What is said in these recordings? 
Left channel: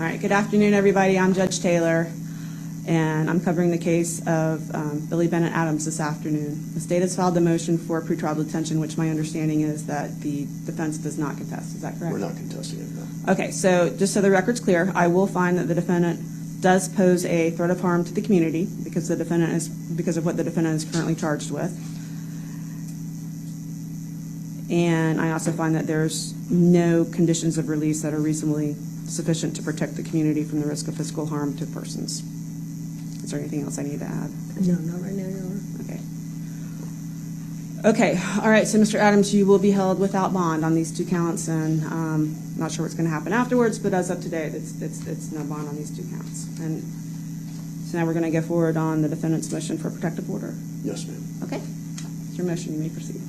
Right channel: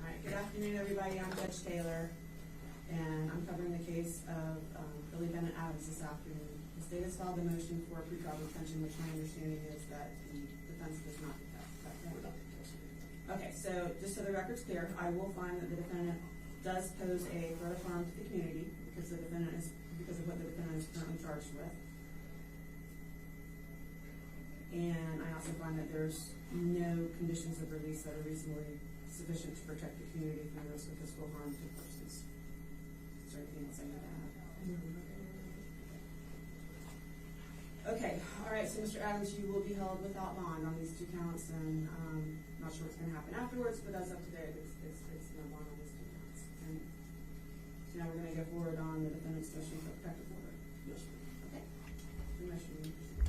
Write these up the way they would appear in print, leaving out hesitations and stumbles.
All right, good afternoon, everybody. I'm Judge Taylor, and I'm covering the case of Billy Bennett Adams this afternoon. The state has filed a motion for pretrial detention, which my understanding is that the defense does not contest. Is that correct? We're not contesting it, no. Okay, so just so the record's clear, I will find that the defendant does pose a threat of harm to the community because of what the defendant is currently charged with. And I also find that there's no conditions of release that are reasonably sufficient to protect the community from the risk of physical harm to persons. Is there anything else I need to add? No, not right now, Your Honor. Okay. Okay. All right. So, Mr. Adams, you will be held without bond on these 2 counts, and I'm not sure what's going to happen afterwards. But as of today, it's no bond on these 2 counts. And so now we're going to go forward on the defendant's motion for protective order. Yes, ma'am. Okay. It's your motion. You may proceed.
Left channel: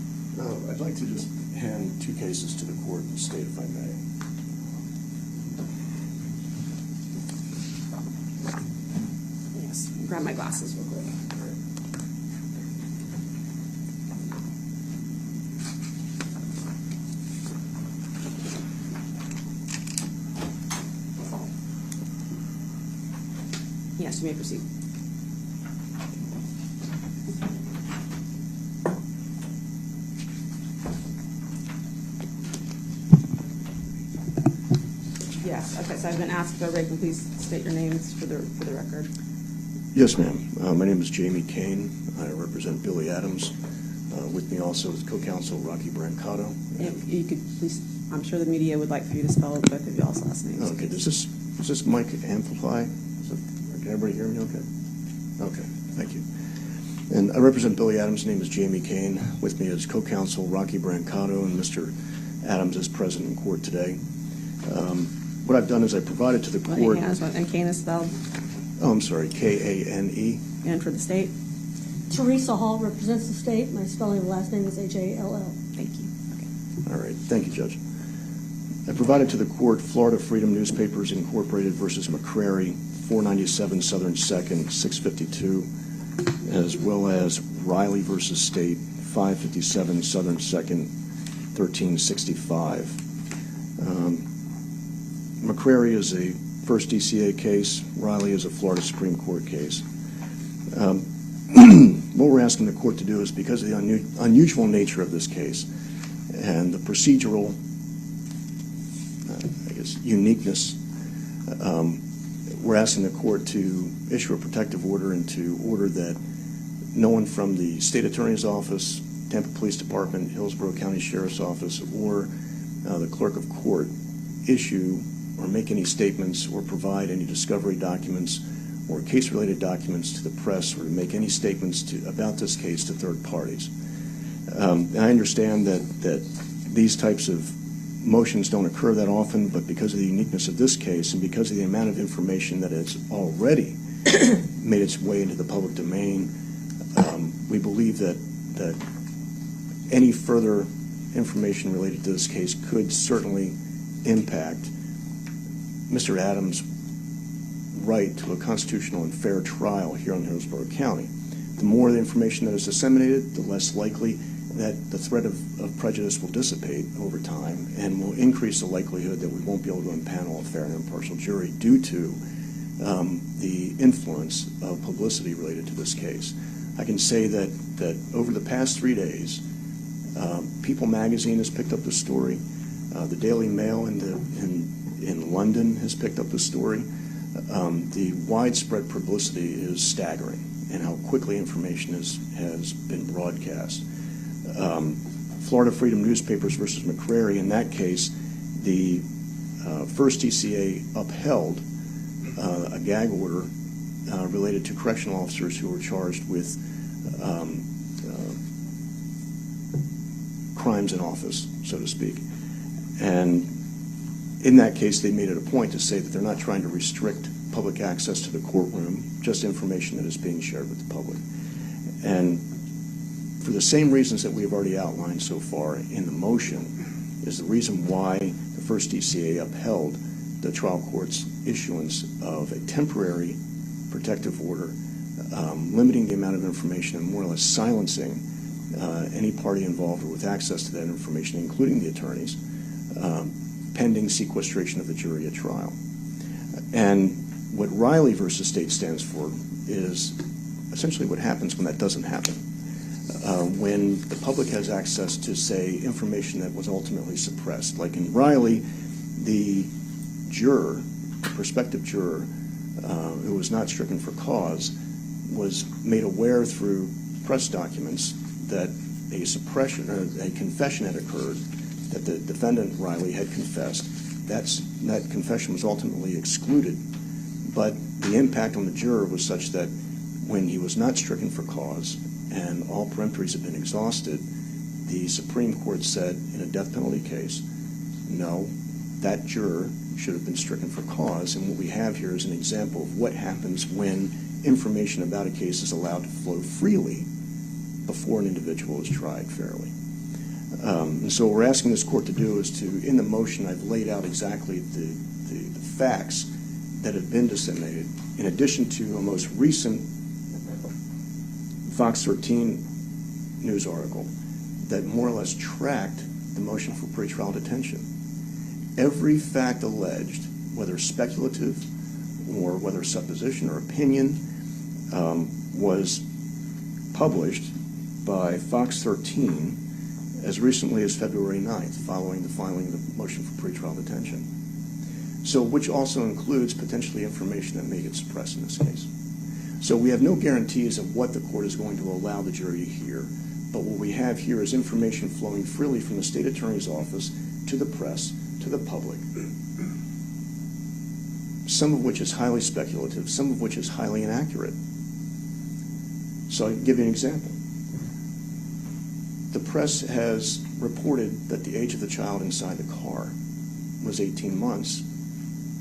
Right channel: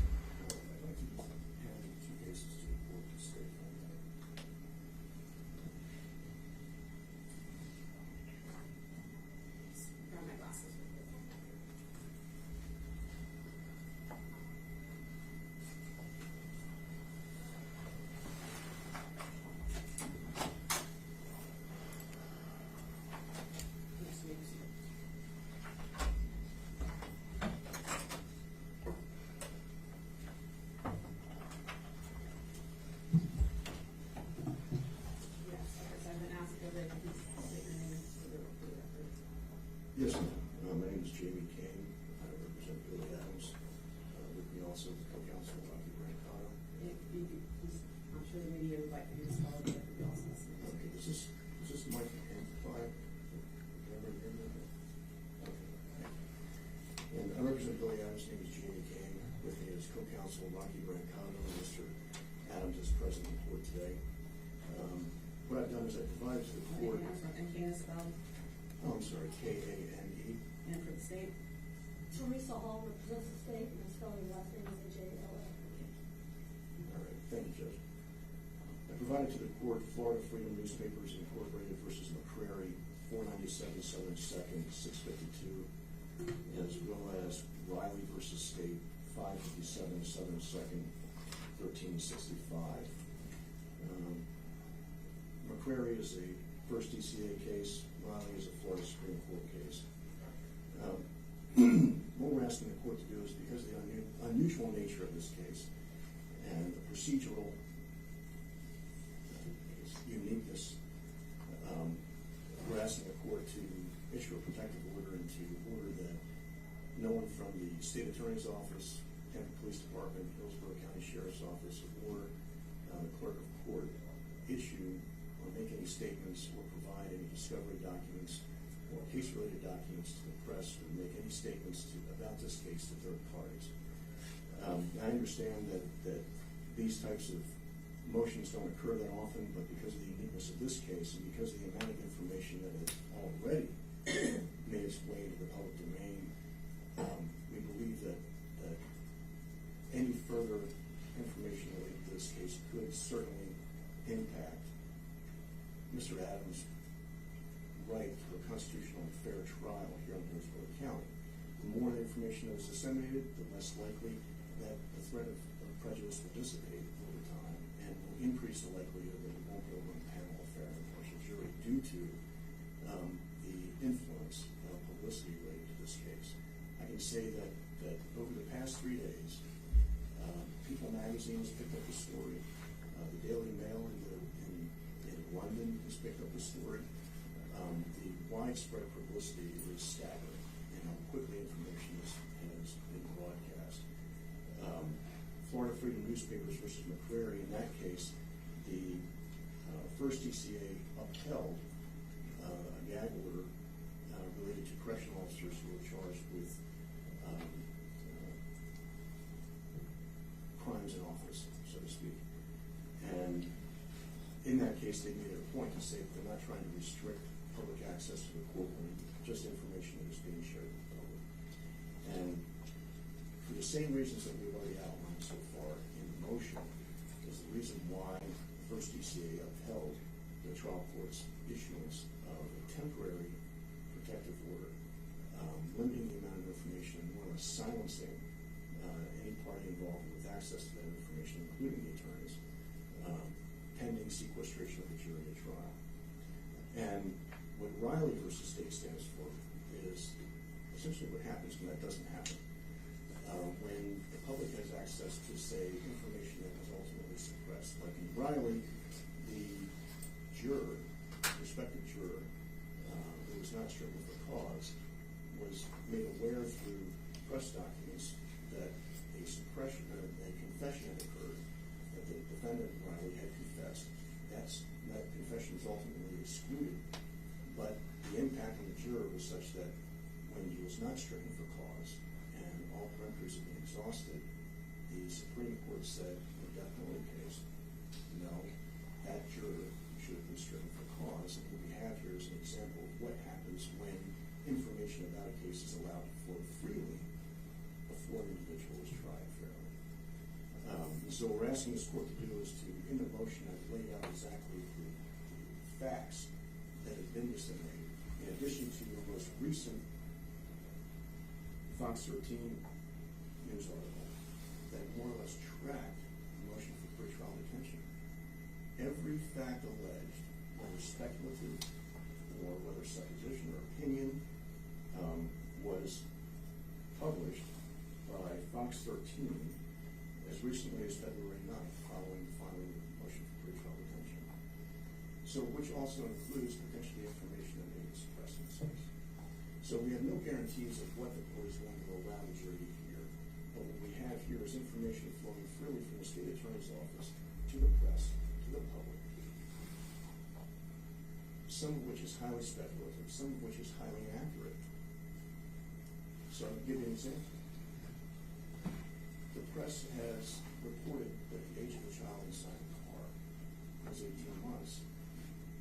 I'd like to just hand 2 cases to the court and state if I may. Yes. Grab my glasses real quick. Yes, you may proceed. Yes. Okay. So I've been asked, Ray, please state your names for the record. Yes, ma'am. My name is Jamie Kane. I represent Billy Adams. With me also is co-counsel Rocky Brancato. If you could please, I'm sure the media would like for you to spell both of y'all's last names. Okay. Does this mic amplify? Can everybody hear me okay? Okay. Thank you. And I represent Billy Adams. His name is Jamie Kane. With me is co-counsel Rocky Brancato, and Mr. Adams is present in court today. What I've done is I provided to the court. And Kane is spelled? Oh, I'm sorry, K-A-N-E. And for the state? Teresa Hall represents the state. My spelling of the last name is H-A-L-L. Thank you. Okay. All right. Thank you, Judge. I provided to the court Florida Freedom Newspapers Incorporated versus McCrary, 497 Southern 2nd, 652, as well as Riley versus State, 557 Southern 2nd, 1365. McCrary is a first DCA case. Riley is a Florida Supreme Court case. What we're asking the court to do is, because of the unusual nature of this case and the procedural, uniqueness, we're asking the court to issue a protective order and to order that no one from the State Attorney's Office, Tampa Police Department, Hillsborough County Sheriff's Office, or the Clerk of Court issue or make any statements or provide any discovery documents or case-related documents to the press, or to make any statements about this case to third parties. And I understand that these types of motions don't occur that often, but because of the uniqueness of this case and because of the amount of information that has already made its way into the public domain, we believe that any further information related to this case could certainly impact Mr. Adams' right to a constitutional and fair trial here in Hillsborough County. The more the information that is disseminated, the less likely that the threat of prejudice will dissipate over time, and will increase the likelihood that we won't be able to impanel a fair and impartial jury due to the influence of publicity related to this case. I can say that over the past 3 days, People magazine has picked up the story. The Daily Mail in London has picked up the story. The widespread publicity is staggering, and how quickly information has been broadcast. Florida Freedom Newspapers versus McCrary, in that case, the first DCA upheld a gag order related to correctional officers who were charged with crimes in office, so to speak. And in that case, they made it a point to say that they're not trying to restrict public access to the courtroom, just information that is being shared with the public. And for the same reasons that we have already outlined so far in the motion, is the reason why the first DCA upheld the trial court's issuance of a temporary protective order, limiting the amount of information and more or less silencing any party involved with access to that information, including the attorneys, pending sequestration of the jury at trial. And what Riley versus State stands for is essentially what happens when that doesn't happen. When the public has access to, say, information that was ultimately suppressed. Like in Riley, the juror, the prospective juror, who was not stricken for cause, was made aware through press documents that a suppression or a confession had occurred, that the defendant, Riley, had confessed. That confession was ultimately excluded, but the impact on the juror was such that when he was not stricken for cause and all peremptories had been exhausted, the Supreme Court said in a death penalty case, no, that juror should have been stricken for cause. And what we have here is an example of what happens when information about a case is allowed to flow freely before an individual is tried fairly. And so what we're asking this court to do is to, in the motion, I've laid out exactly the facts that have been disseminated, in addition to a most recent Fox 13 news article that more or less tracked the motion for pretrial detention. Every fact alleged, whether speculative or whether supposition or opinion, was published by Fox 13 as recently as February 9th, following the filing of the motion for pretrial detention. So, which also includes potentially information that may get suppressed in this case. So we have no guarantees of what the court is going to allow the jury to hear, but what we have here is information flowing freely from the state attorney's office to the press, to the public, some of which is highly speculative, some of which is highly inaccurate. So I'll give you an example. The press has reported that the age of the child inside the car was 18 months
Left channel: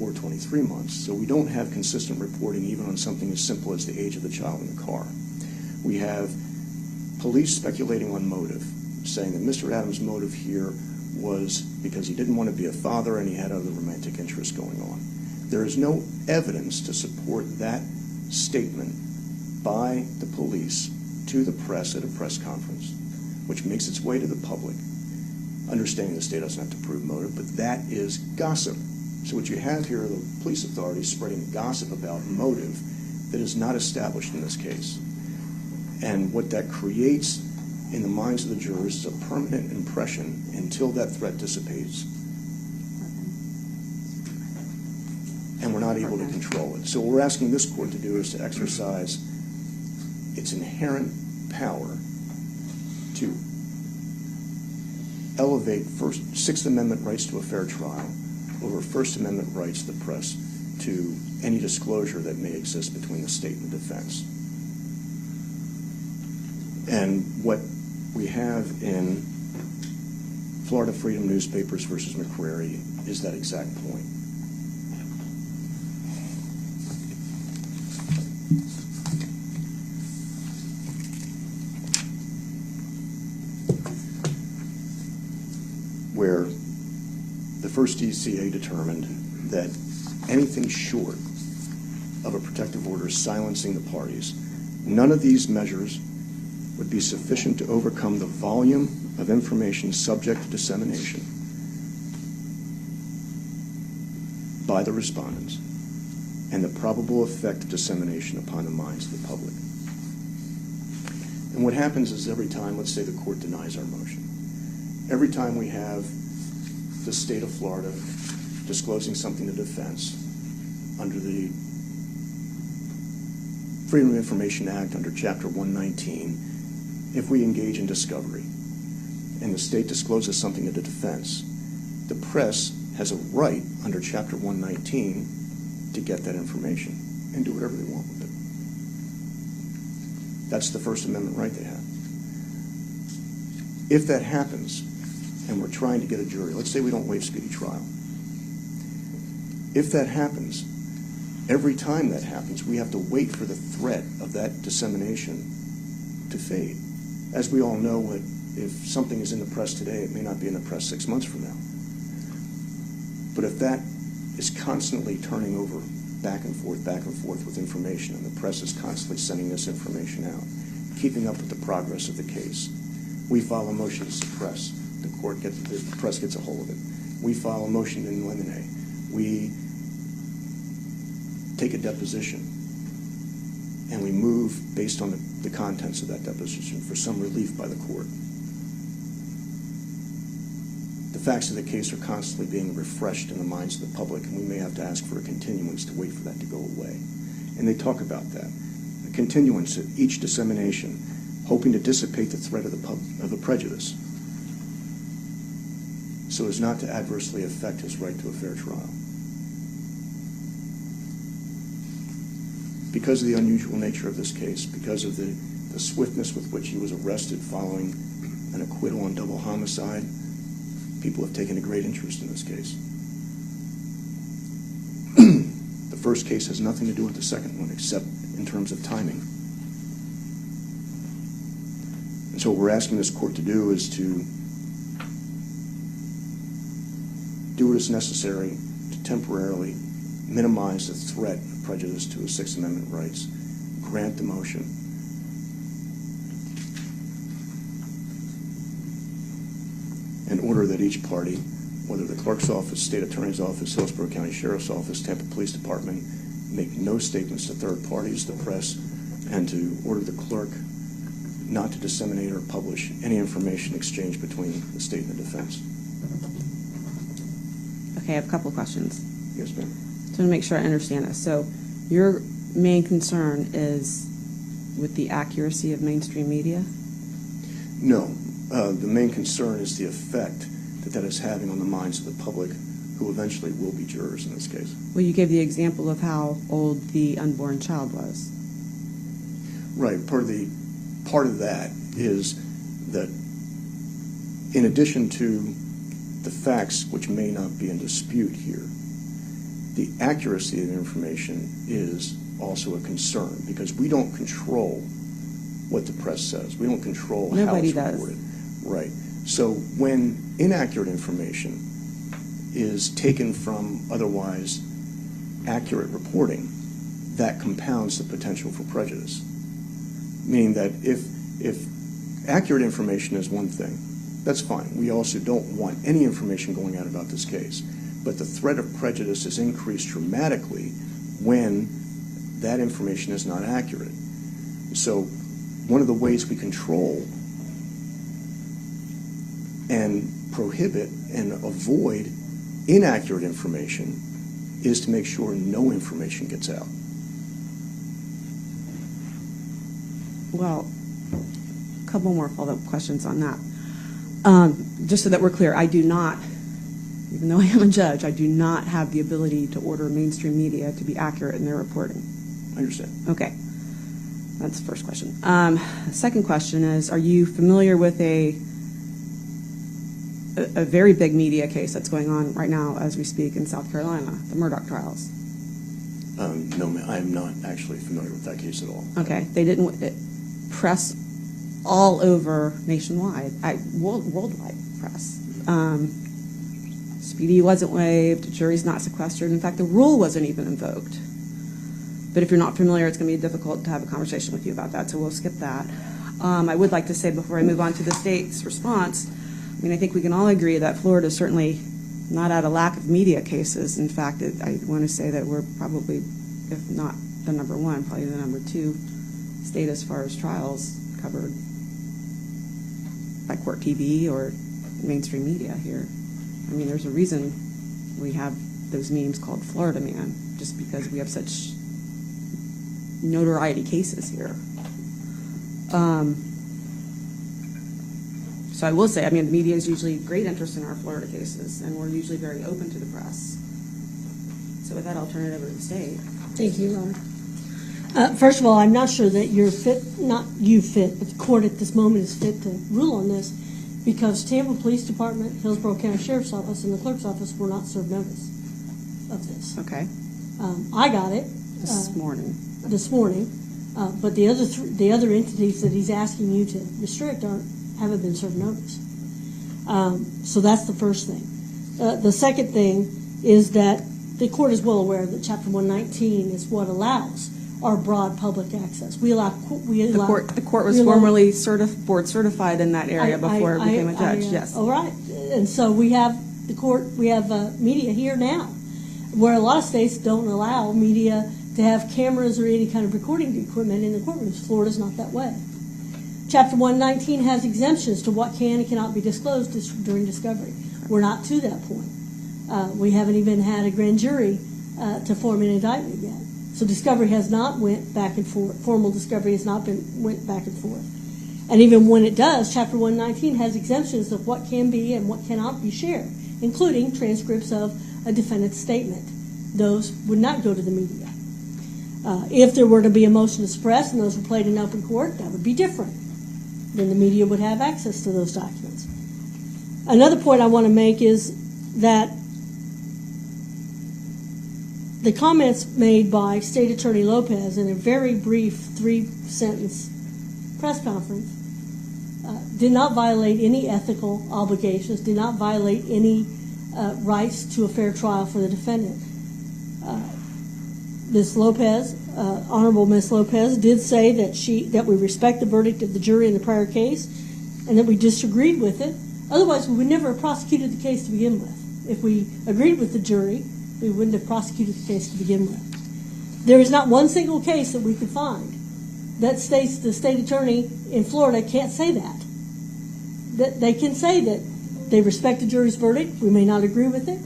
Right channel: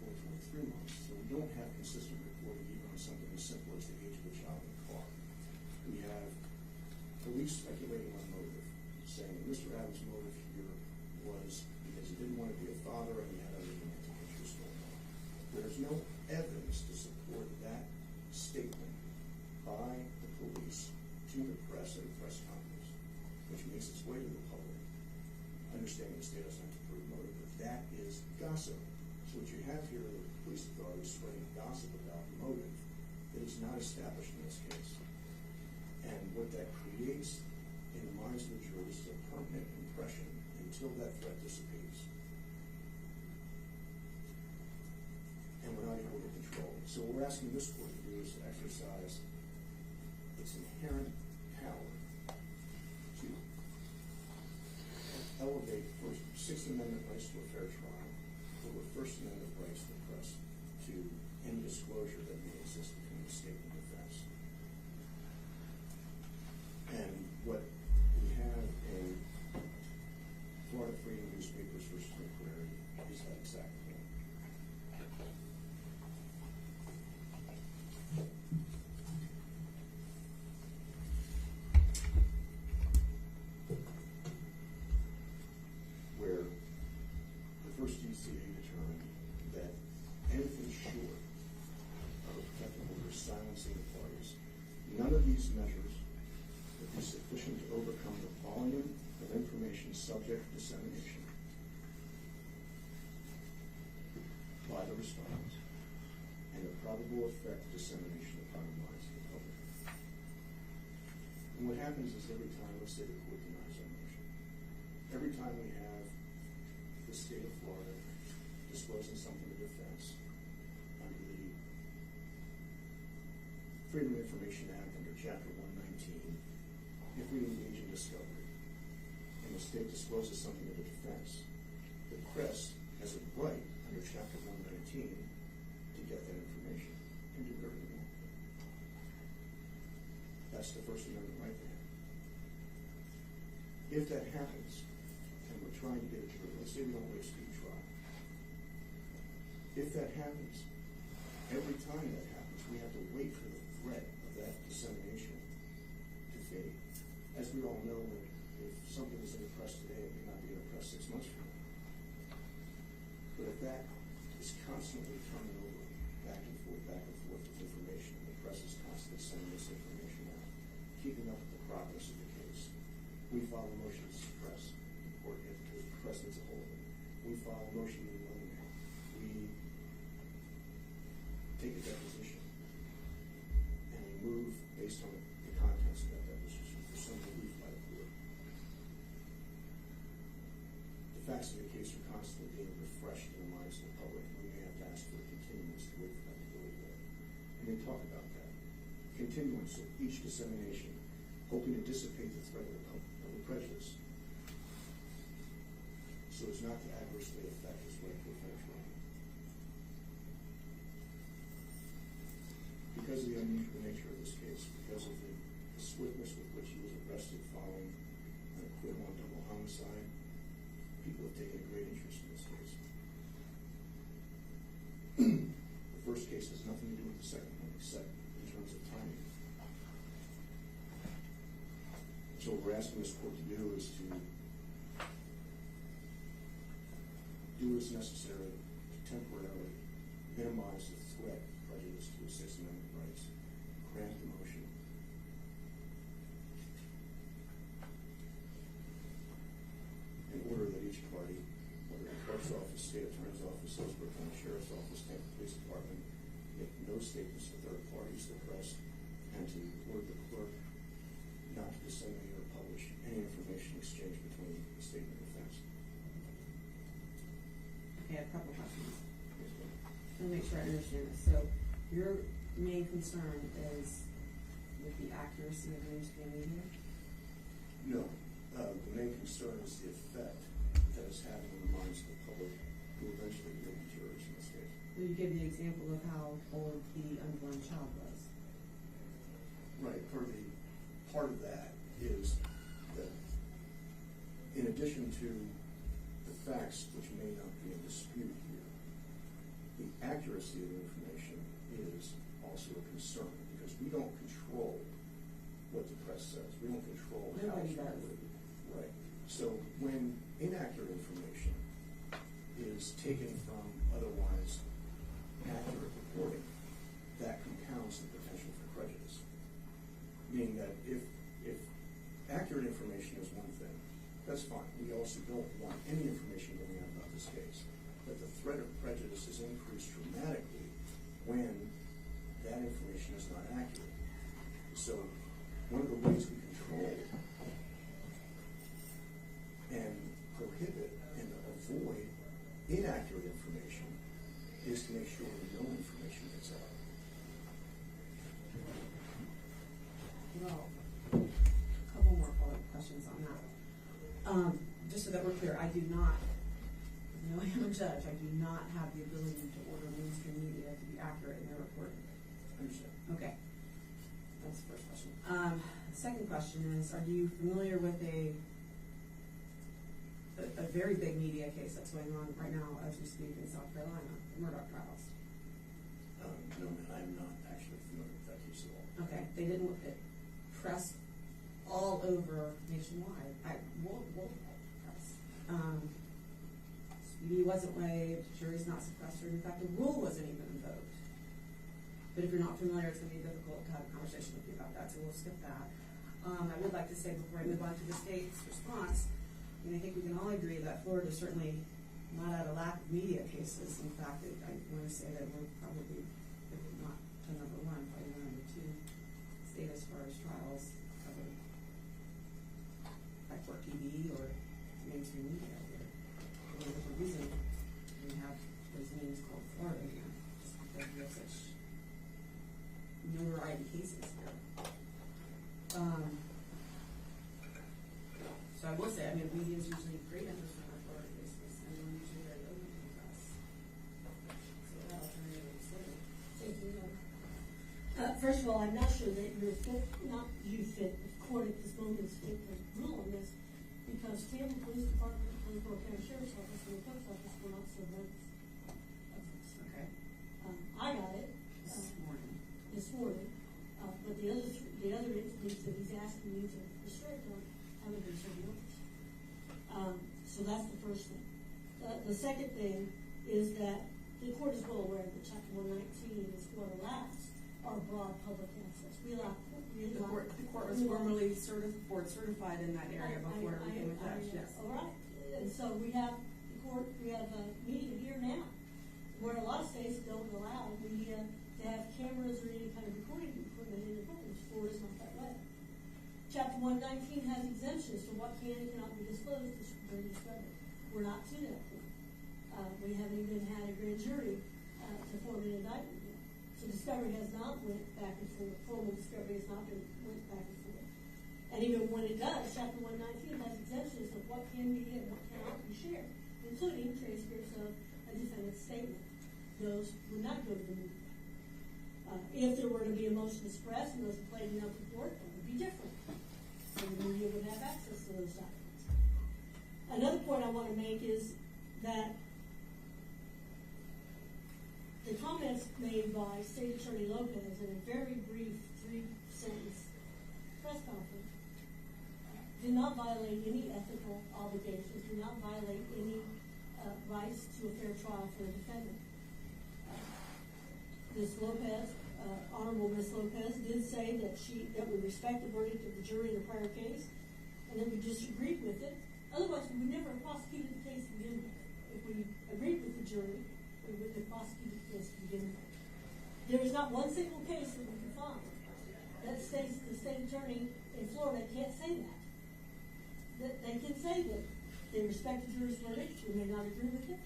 or 23 months. So we don't have consistent reporting even on something as simple as the age of the child in the car. We have police speculating on motive, saying that Mr. Adams' motive here was because he didn't want to be a father and he had other romantic interests going on. There is no evidence to support that statement by the police to the press at a press conference, which makes its way to the public, understanding the state doesn't have to prove motive, but that is gossip. So what you have here are the police authorities spreading gossip about motive that is not established in this case. And what that creates in the minds of the jurors is a permanent impression until that threat dissipates. And we're not able to control it. So what we're asking this court to do is to exercise its inherent power to elevate Sixth Amendment rights to a fair trial over First Amendment rights of the press to any disclosure that may exist between the state and defense. And what we have in Florida Freedom Newspapers versus McCrary is that exact point. Where the first DCA determined that anything short of a protective order silencing the parties, none of these measures would be sufficient to overcome the volume of information subject to dissemination by the respondents and the probable effect of dissemination upon the minds of the public. And what happens is every time, let's say the court denies our motion, every time we have the state of Florida disclosing something to defense under the Freedom of Information Act under Chapter 119, if we engage in discovery and the state discloses something to the defense, the press has a right under Chapter 119 to get that information and do whatever they want with it. That's the First Amendment right they have. If that happens, and we're trying to get a jury, let's say we don't waive speedy trial. If that happens, every time that happens, we have to wait for the threat of that dissemination to fade. As we all know, if something is in the press today, it may not be in the press 6 months from now. But if that is constantly turning over back and forth with information, and the press is constantly sending this information out, keeping up with the progress of the case, we file a motion to suppress. The press gets a hold of it. We file a motion in limine. We take a deposition, and we move based on the contents of that deposition for some relief by the court. The facts of the case are constantly being refreshed in the minds of the public, and we may have to ask for a continuance to wait for that to go away. And they talk about that. A continuance at each dissemination, hoping to dissipate the threat of the prejudice so as not to adversely affect his right to a fair trial. Because of the unusual nature of this case, because of the swiftness with which he was arrested following an acquittal on double homicide, people have taken a great interest in this case. The first case has nothing to do with the second one, except in terms of timing. And so what we're asking this court to do is to do what is necessary to temporarily minimize the threat of prejudice to his Sixth Amendment rights, grant the motion, and order that each party, whether the clerk's office, state attorney's office, Hillsborough County Sheriff's Office, Tampa Police Department, make no statements to third parties, the press, and to order the clerk not to disseminate or publish any information exchanged between the state and the defense. Okay, I have a couple of questions. Yes, ma'am. So to make sure I understand this. So your main concern is with the accuracy of mainstream media? No. The main concern is the effect that is having on the minds of the public, who eventually will be jurors in this case. Well, you gave the example of how old the unborn child was. Right. Part of that is that in addition to the facts, which may not be in dispute here, the accuracy of the information is also a concern, because we don't control what the press says. We don't control how it's reported. Right. So when inaccurate information is taken from otherwise accurate reporting, that compounds the potential for prejudice. Meaning that if accurate information is one thing, that's fine. We also don't want any information going out about this case. But the threat of prejudice is increased dramatically when that information is not accurate. So one of the ways we control and prohibit and avoid inaccurate information is to make sure no information gets out. Well, a couple more follow-up questions on that. Just so that we're clear, I do not, even though I am a judge, I do not have the ability to order mainstream media to be accurate in their reporting. I understand. Okay. That's the first question. The second question is, are you familiar with a very big media case that's going on right now as we speak in South Carolina, the Murdoch trials? No, ma'am, I am not actually familiar with that case at all. Okay. They didn't press all over nationwide, worldwide press. Speedy wasn't waived, jury's not sequestered. In fact, the rule wasn't even invoked. But if you're not familiar, it's going to be difficult to have a conversation with you about that, so we'll skip that. I would like to say before I move on to the state's response, I mean, I think we can all agree that Florida is certainly not at a lack of media cases. In fact, I want to say that we're probably, if not the number one, probably the number two state as far as trials covered by Court TV or mainstream media here. I mean, there's a reason we have those memes called Florida Man, just because we have such notoriety cases here. So I will say, I mean, the media is usually great interest in our Florida cases, and we're usually very open to the press. So with that, I'll turn it over to the state. Thank you, Laura. First of all, I'm not sure that you're fit, not you fit, but the court at this moment is fit to rule on this, because Tampa Police Department, Hillsborough County Sheriff's Office, and the clerk's office were not served notice of this. Okay. I got it This morning. But the other entities that he's asking you to restrict haven't been served notice. So that's the first thing. The second thing is that the court is well aware that Chapter 119 is what allows our broad public access. The court was formerly board certified in that area before it became a judge. Yes. All right. And so we have the court. We have media here now. where a lot of states don't allow media to have cameras or any kind of recording equipment in the courtrooms. Florida's not that way. Chapter 119 has exemptions to what can and cannot be disclosed during discovery. We're not to that point. We haven't even had a grand jury to form an indictment yet. So discovery has not went back and forth. Formal discovery has not went back and forth. And even when it does, Chapter 119 has exemptions of what can be and what cannot be shared, including transcripts of a defendant's statement. Those would not go to the media. If there were to be a motion to suppress and those were played in open court, that would be different. Then the media would have access to those documents. Another point I want to make is that the comments made by State Attorney Lopez in a very brief 3-sentence press conference did not violate any ethical obligations, did not violate any rights to a fair trial for the defendant. Ms. Lopez, Honorable Ms. Lopez, did say that we respect the verdict of the jury in the prior case and that we disagreed with it. Otherwise, we would never have prosecuted the case to begin with. If we agreed with the jury, we wouldn't have prosecuted the case to begin with. There is not one single case that we could find that states the state attorney in Florida can't say that. That they can say that they respect the jury's verdict, we may not agree with it.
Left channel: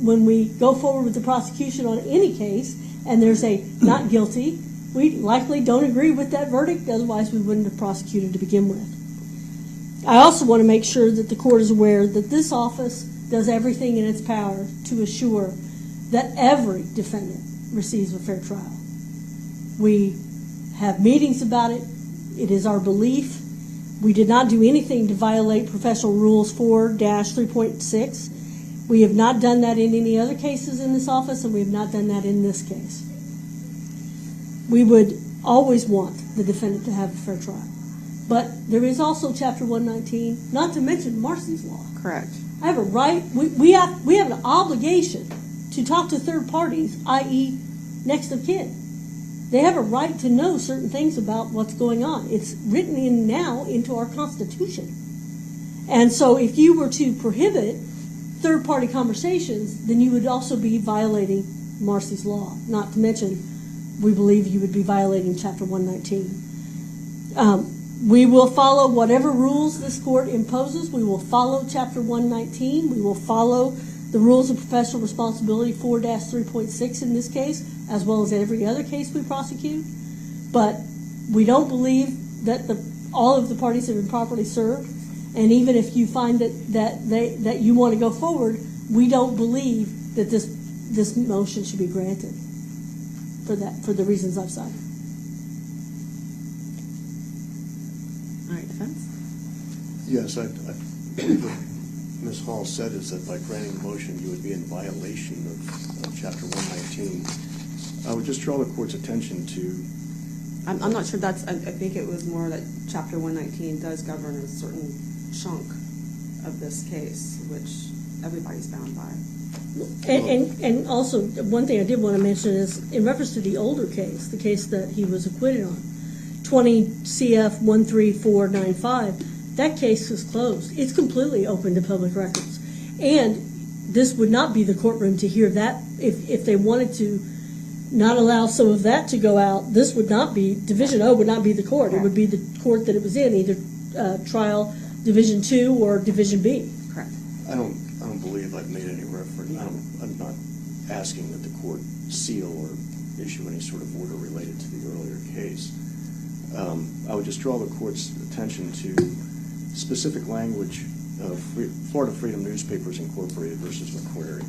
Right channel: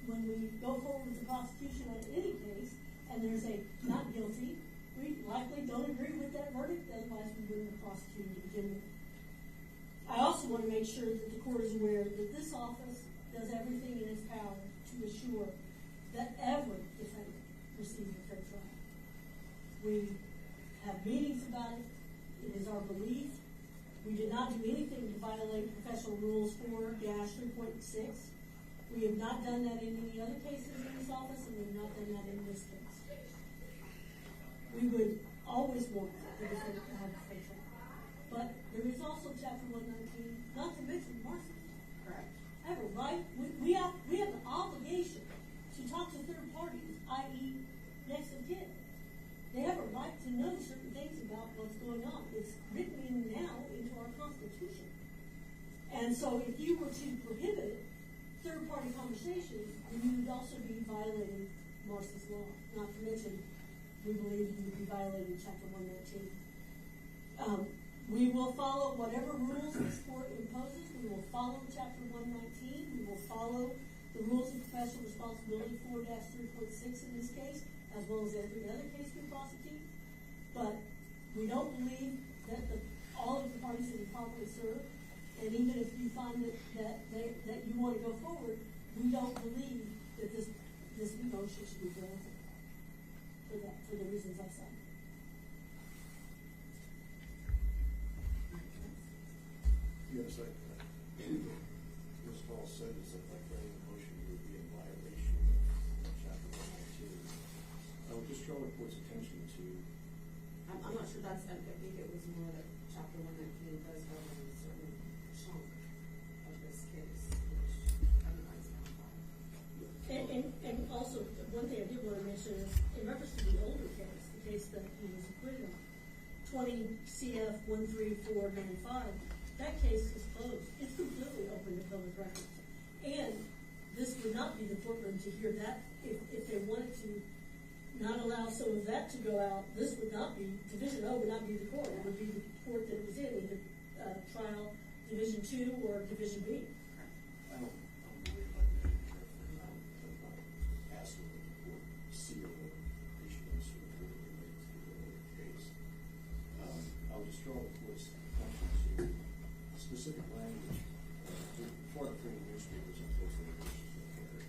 When we go forward with the prosecution on any case and there's a not guilty, we likely don't agree with that verdict, otherwise we wouldn't have prosecuted to begin with. I also want to make sure that the court is aware that this office does everything in its power to assure that every defendant receives a fair trial. We have meetings about it. It is our belief. We did not do anything to violate Professional Rules 4-3.6. We have not done that in any other cases in this office, and we have not done that in this case. We would always want the defendant to have a fair trial. But there is also Chapter 119, not to mention Marcy's Law. Correct. I have a right, we have an obligation to talk to third parties, i.e. next of kin. They have a right to know certain things about what's going on. It's written in now into our Constitution. And so if you were to prohibit third-party conversations, then you would also be violating Marcy's Law. Not to mention, we believe you would be violating Chapter 119. We will follow whatever rules this court imposes. We will follow Chapter 119. We will follow the rules of professional responsibility 4-3.6 in this case, as well as every other case we prosecute. But we don't believe that all of the parties have been properly served. And even if you find that you want to go forward, we don't believe that this motion should be granted for the reasons I've cited. All right, defense? Yes, I believe what Ms. Hall said is that by granting the motion, you would be in violation of Chapter 119. I would just draw the court's attention to... I'm not sure that's, I think it was more that Chapter 119 does govern a certain chunk of this case, which everybody's bound by. And also, one thing I did want to mention is, in reference to the older case, the case that he was acquitted on, 20 CF 13495, that case was closed. It's completely open to public records. And this would not be the courtroom to hear that. If they wanted to not allow some of that to go out, this would not be, Division O would not be the court. It would be the court that it was in, either trial Division 2 or Division B. Correct. I don't believe I've made any reference. I'm not asking that the court seal or issue any sort of order related to the earlier case. I would just draw the court's attention to specific language of Florida Freedom Newspapers Incorporated versus McQuarrie.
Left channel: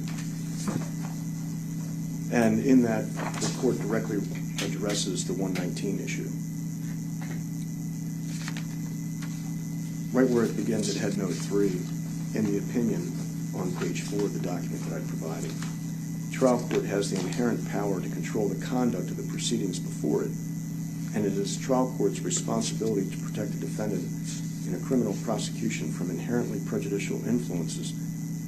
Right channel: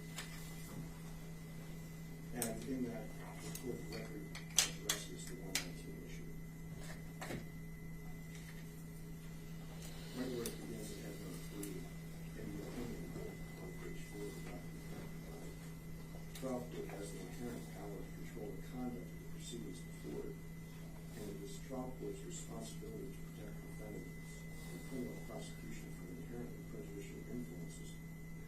And in that, the court directly addresses the 119 issue. Right where it begins at head note 3, in the opinion on page 4 of the document that I provided, trial court has the inherent power to control the conduct of the proceedings before it, and it is trial court's responsibility to protect the defendant in a criminal prosecution from inherently prejudicial influences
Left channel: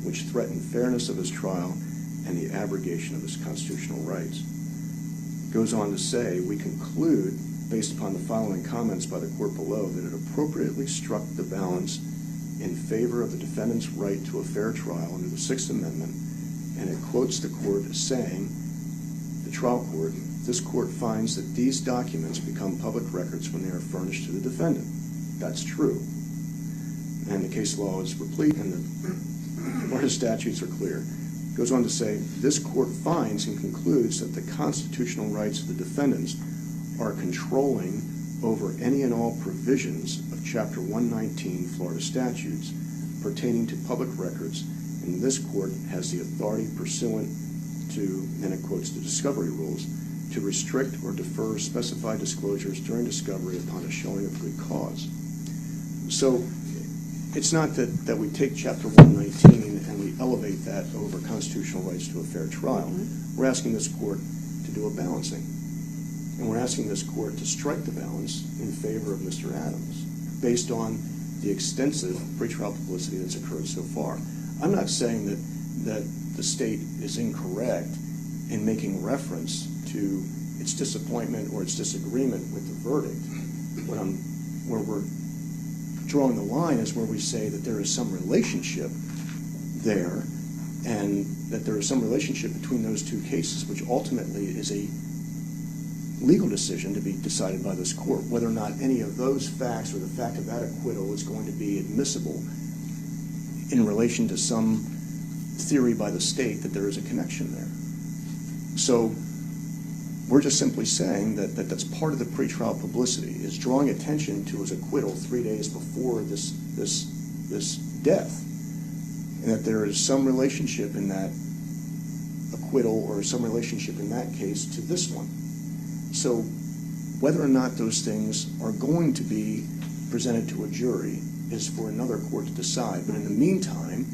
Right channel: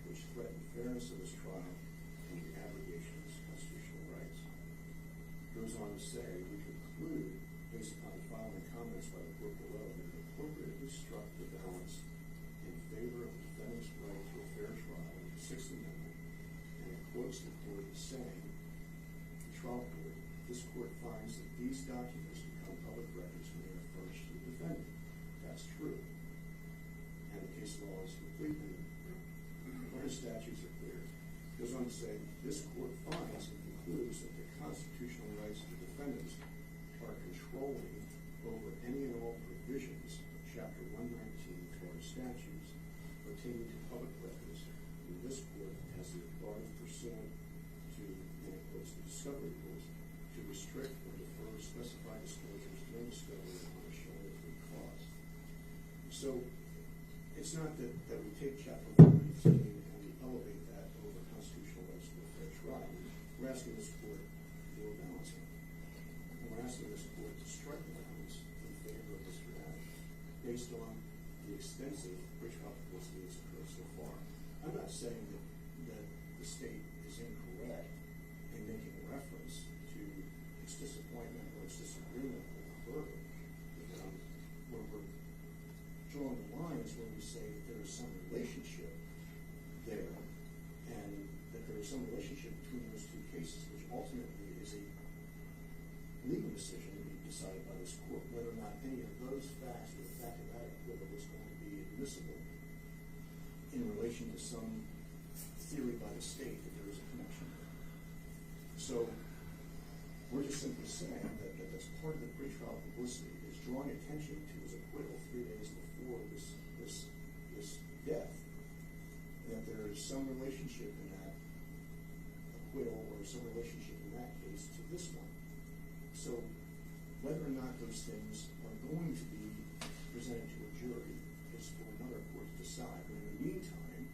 which threaten fairness of his trial and the abrogation of his constitutional rights. It goes on to say, we conclude, based upon the following comments by the court below, that it appropriately struck the balance in favor of the defendant's right to a fair trial under the Sixth Amendment and it quotes the court as saying, the trial court, this court finds that these documents become public records when they are furnished to the defendant. That's true. And the case law is replete, and the Florida statutes are clear. It goes on to say, this court finds and concludes that the constitutional rights of the defendants are controlling over any and all provisions of Chapter 119 Florida statutes pertaining to public records, and this court has the authority pursuant to, and it quotes the discovery rules, to restrict or defer specified disclosures during discovery upon a showing of good cause. So it's not that we take Chapter 119 and we elevate that over constitutional rights to a fair trial. We're asking this court to do a balancing. And we're asking this court to strike the balance in favor of Mr. Adams based on the extensive pretrial publicity that's occurred so far. I'm not saying that the state is incorrect in making reference to its disappointment or its disagreement with the verdict. Where we're drawing the line is where we say that there is some relationship there, and that there is some relationship between those two cases, which ultimately is a legal decision to be decided by this court, whether or not any of those facts or the fact of that acquittal is going to be admissible in relation to some theory by the state that there is a connection there. So we're just simply saying that that's part of the pretrial publicity, is drawing attention to his acquittal 3 days before this death, and that there is some relationship in that acquittal or some relationship in that case to this one. So whether or not those things are going to be presented to a jury is for another court to decide. But in the meantime,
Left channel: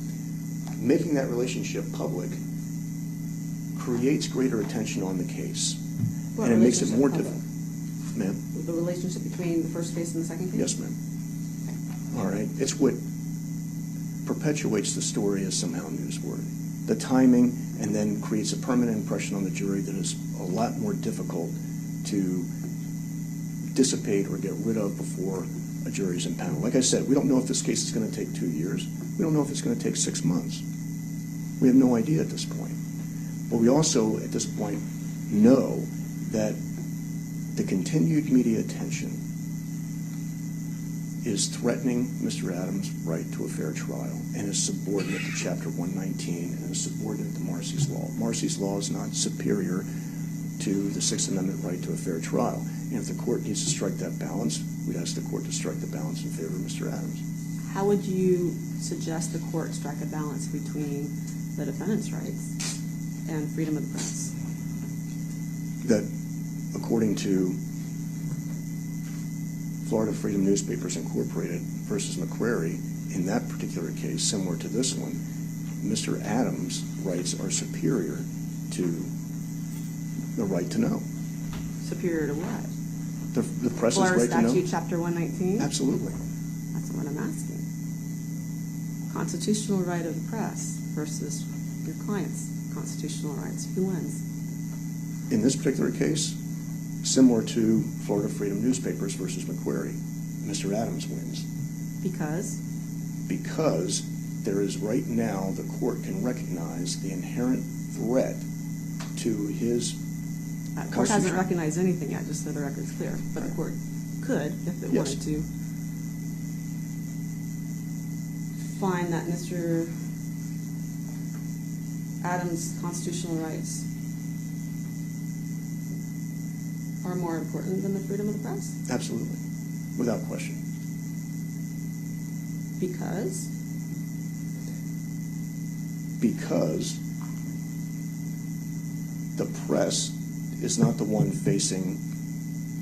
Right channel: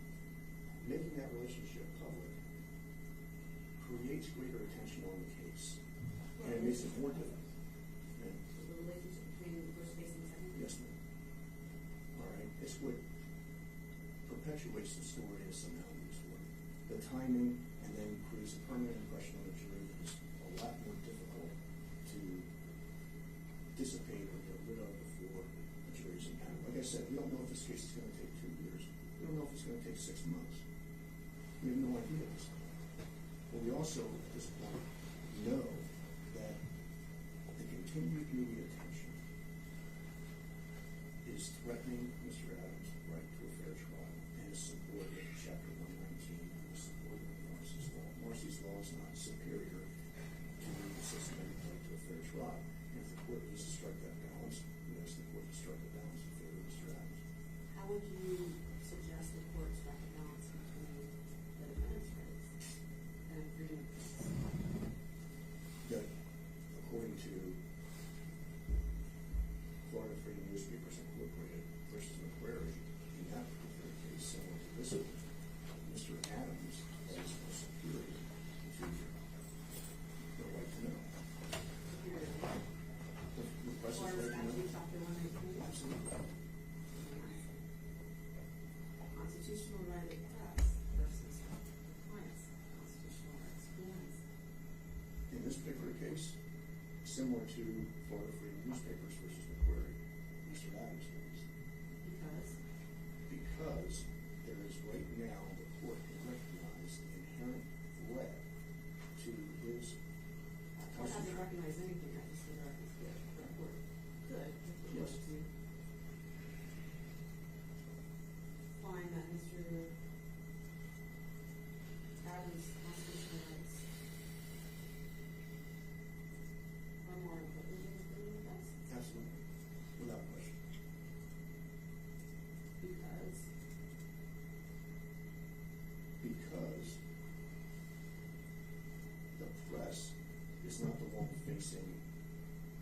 making that relationship public creates greater attention on the case. What and it makes it relationship more public? difficult. Ma'am? The relationship between the first case and the second case? Yes, ma'am. All right. It's what perpetuates the story as somehow newsworthy. The timing, and then creates a permanent impression on the jury that is a lot more difficult to dissipate or get rid of before a jury's impaneled. Like I said, we don't know if this case is going to take 2 years. We don't know if it's going to take 6 months. We have no idea at this point. But we also, at this point, know that the continued media attention is threatening Mr. Adams' right to a fair trial and is subordinate to Chapter 119 and is subordinate to Marcy's Law. Marcy's Law is not superior to the Sixth Amendment right to a fair trial. And if the court needs to strike that balance, we'd ask the court to strike the balance in favor of Mr. Adams. How would you suggest the court strike a balance between the defendant's rights and freedom of the press? That, according to Florida Freedom Newspapers Incorporated versus McCrary, in that particular case, similar to this one, Mr. Adams' rights are superior to the right to know. Superior to what? The press's Florida right to know. Statute Chapter 119? Absolutely. That's what I'm asking. Constitutional right of the press versus your client's constitutional rights. Who wins? In this particular case, similar to Florida Freedom Newspapers versus McCrary, Mr. Adams wins. Because? Because there is right now, the court can recognize the inherent threat to his The court hasn't recognized anything yet, just so the record's clear. But the court could, if it Yes. wanted to, find that Mr. Adams' constitutional rights are more important than the freedom of the press? Absolutely, without question. Because? Because the press is not the one facing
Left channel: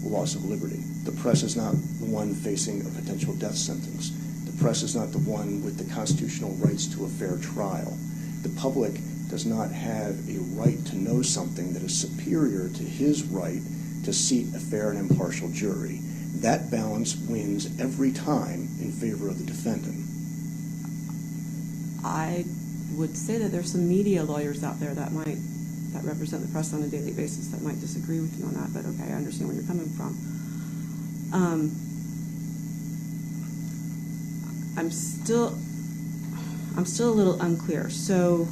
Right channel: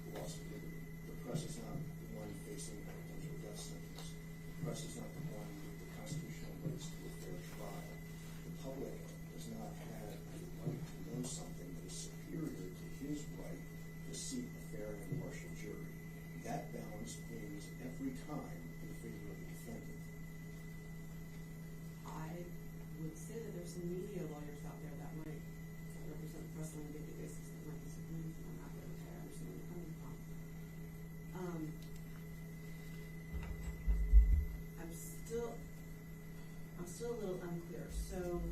loss of liberty. The press is not the one facing a potential death sentence. The press is not the one with the constitutional rights to a fair trial. The public does not have a right to know something that is superior to his right to seat a fair and impartial jury. That balance wins every time in favor of the defendant. I would say that there's some media lawyers out there that represent the press on a daily basis that might disagree with you on that, but okay, I understand where you're coming from. I'm still a little unclear. So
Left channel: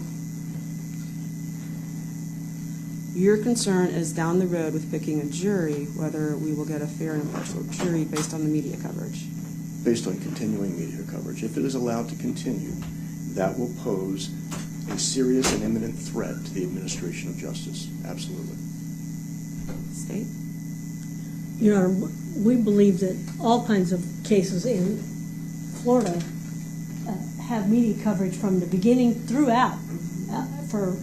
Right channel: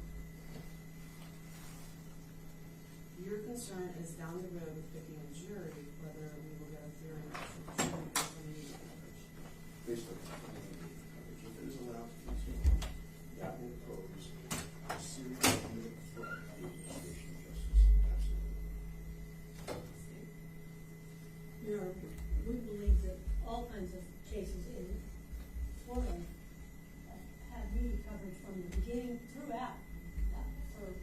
Your concern is down the road with picking a jury, whether we will get a fair and impartial jury based on the media coverage. Based on continuing media coverage. If it is allowed to continue, that will pose a serious and imminent threat to the administration of justice. Absolutely. State? Your Honor, we believe that all kinds of cases in Florida have media coverage from the beginning throughout for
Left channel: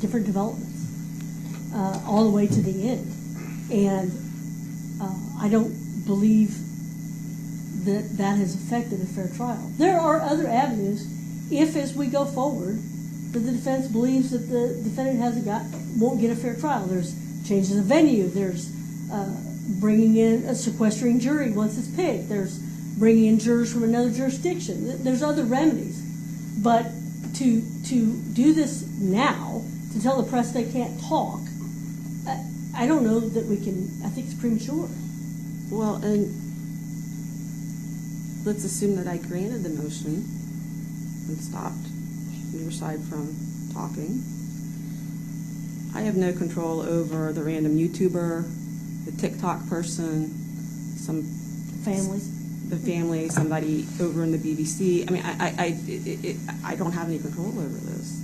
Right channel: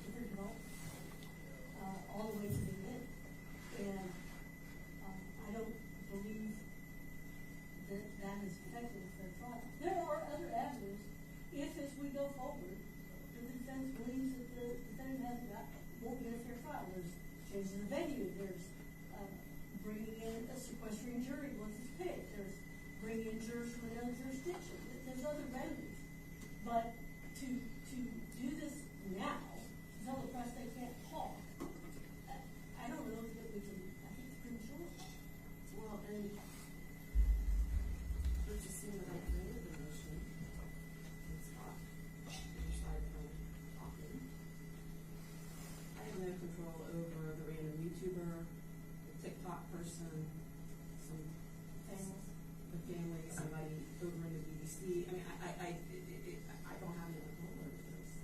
different developments, all the way to the end. And I don't believe that that has affected a fair trial. There are other avenues if, as we go forward, that the defense believes that the defendant won't get a fair trial. There's changes of venue. There's bringing in a sequestering jury once it's picked. There's bringing in jurors from another jurisdiction. There's other remedies. But to do this now, to tell the press they can't talk, I don't know that we can. I think it's premature. Well, and let's assume that I granted the motion and stopped your side from talking. I have no control over the random YouTuber, the TikTok person, the family, somebody over in the BBC. I mean, I don't have any control over this.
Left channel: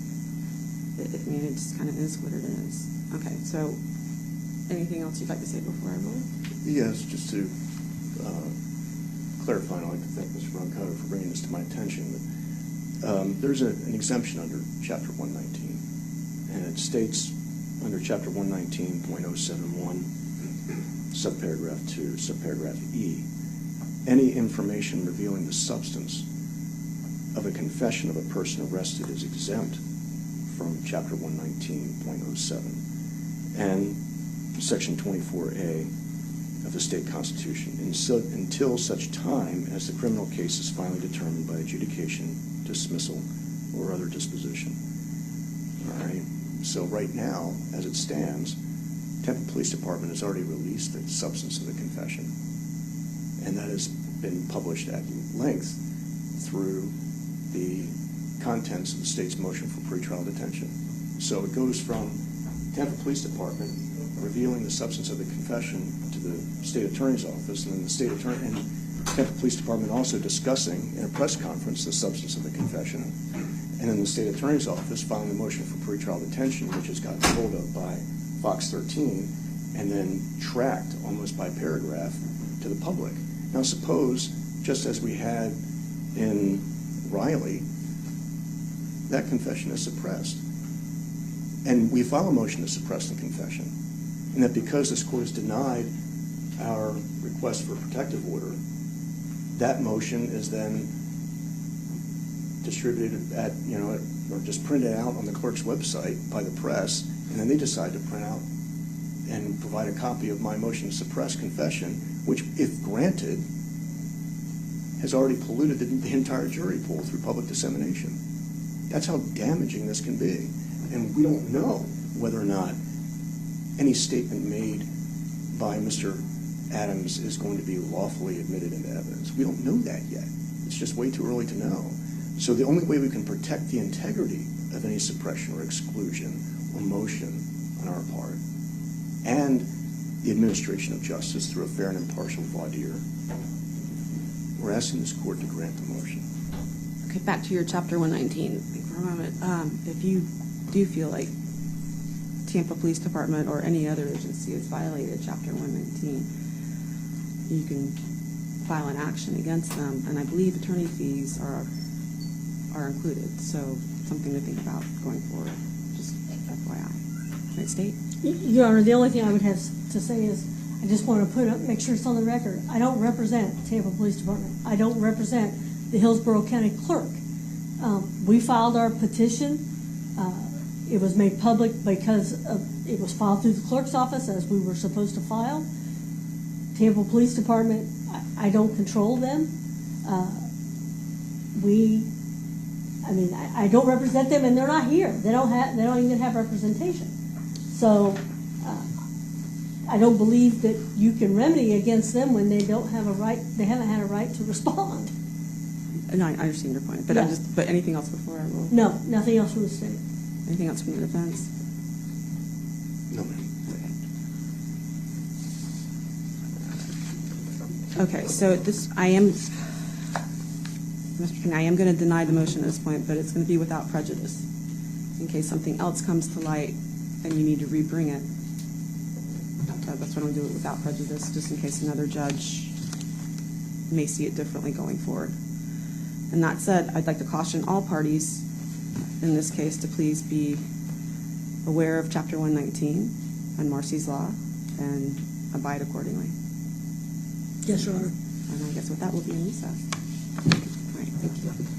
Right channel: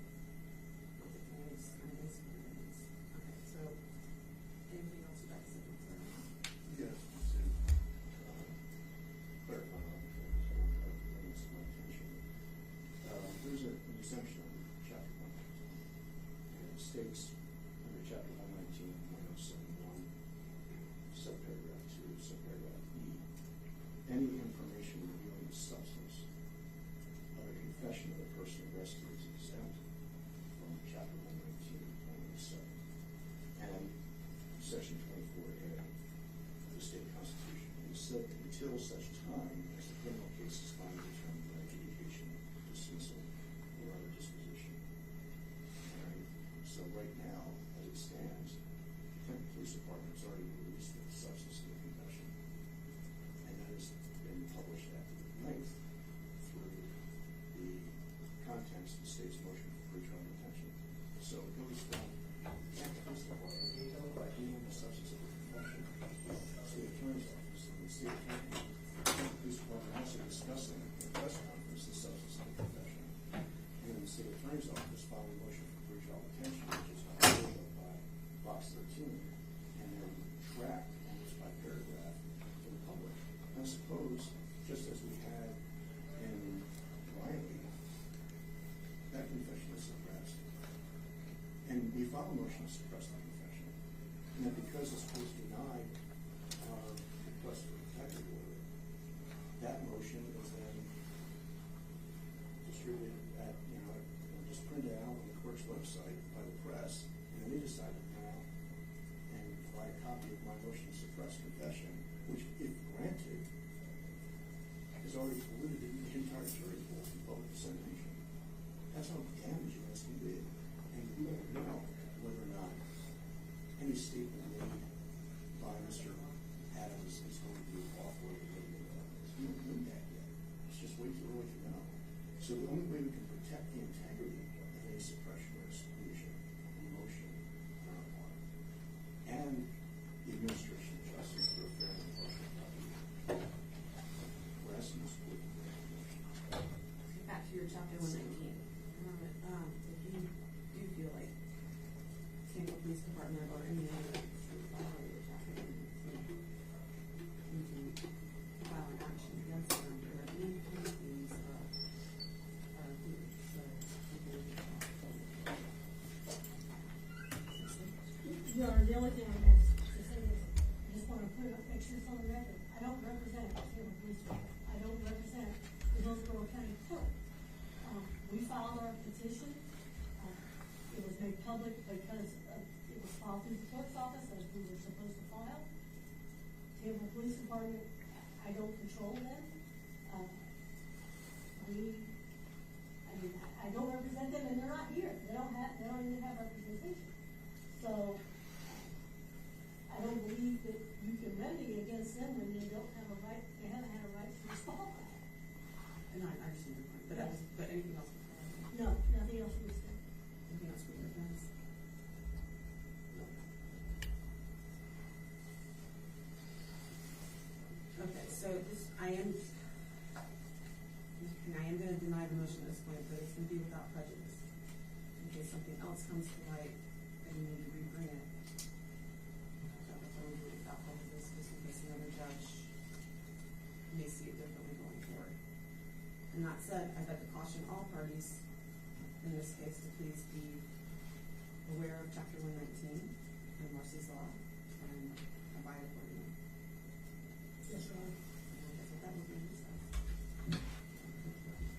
I mean, it just kind of is what it is. Okay, so anything else you'd like to say before I vote? Yes, just to clarify, I'd like to thank Mr. Brancato for bringing this to my attention. But, there's an exemption under Chapter 119, and it states under Chapter 119.071, subparagraph 2, subparagraph E, any information revealing the substance of a confession of a person arrested is exempt from Chapter 119.07 and Section 24A of the state constitution until such time as the criminal case is finally determined by adjudication, dismissal, or other disposition. All right. So right now, as it stands, Tampa Police Department has already released the substance of the confession, and that has been published at length through the contents of the state's motion for pretrial detention. So it goes from Tampa Police Department revealing the substance of the confession to the state attorney's office, and then the state attorney and Tampa Police Department also discussing in a press conference the substance of the confession, and then the state attorney's office filing the motion for pretrial detention, which has gotten hold of by Fox 13, and then tracked almost by paragraph to the public. Now suppose, just as we had in Riley, that confession is suppressed. And we file a motion to suppress the confession. And that because this court has denied our request for a protective order, that motion is then distributed at, or just printed out on the clerk's website by the press, and then they decide to print out and provide a copy of my motion to suppress confession, which, if granted, has already polluted the entire jury pool through public dissemination. That's how damaging this can be. And we don't know whether or not any statement made by Mr. Adams is going to be lawfully admitted into evidence. We don't know that yet. It's just way too early to know. So the only way we can protect the integrity of any suppression or exclusion or motion on our part, and the administration of justice through a fair and impartial voir dire, we're asking this court to grant the motion. Okay, back to your Chapter 119 for a moment. If you do feel like Tampa Police Department or any other agency has violated Chapter 119, you can file an action against them, and I believe attorney fees are included, so something to think about going forward, just FYI. Right, State? Your Honor, the only thing I would have to say is I just want to make sure it's on the record. I don't represent Tampa Police Department. I don't represent the Hillsborough County Clerk. We filed our petition. It was made public because it was filed through the clerk's office as we were supposed to file. Tampa Police Department, I don't control them. I don't represent them, and they're not here. They don't even have representation. So I don't believe that you can remedy against them when they don't have a right. They haven't had a right to respond. No, I understand your point, but Yeah. but anything else before I will? No, nothing else from the state. Anything else from the defense? No, ma'am. Okay, so I am going to deny the motion at this point, but it's going to be without prejudice. In case something else comes to light, then you need to rebring it. So that's why I'm going to do it without prejudice, just in case another judge may see it differently going forward. And that said, I'd like to caution all parties in this case to please be aware of Chapter 119 and Marcy's Law and abide accordingly. Yes, Your Honor. And I guess with that, we'll be in recess. All right, thank you.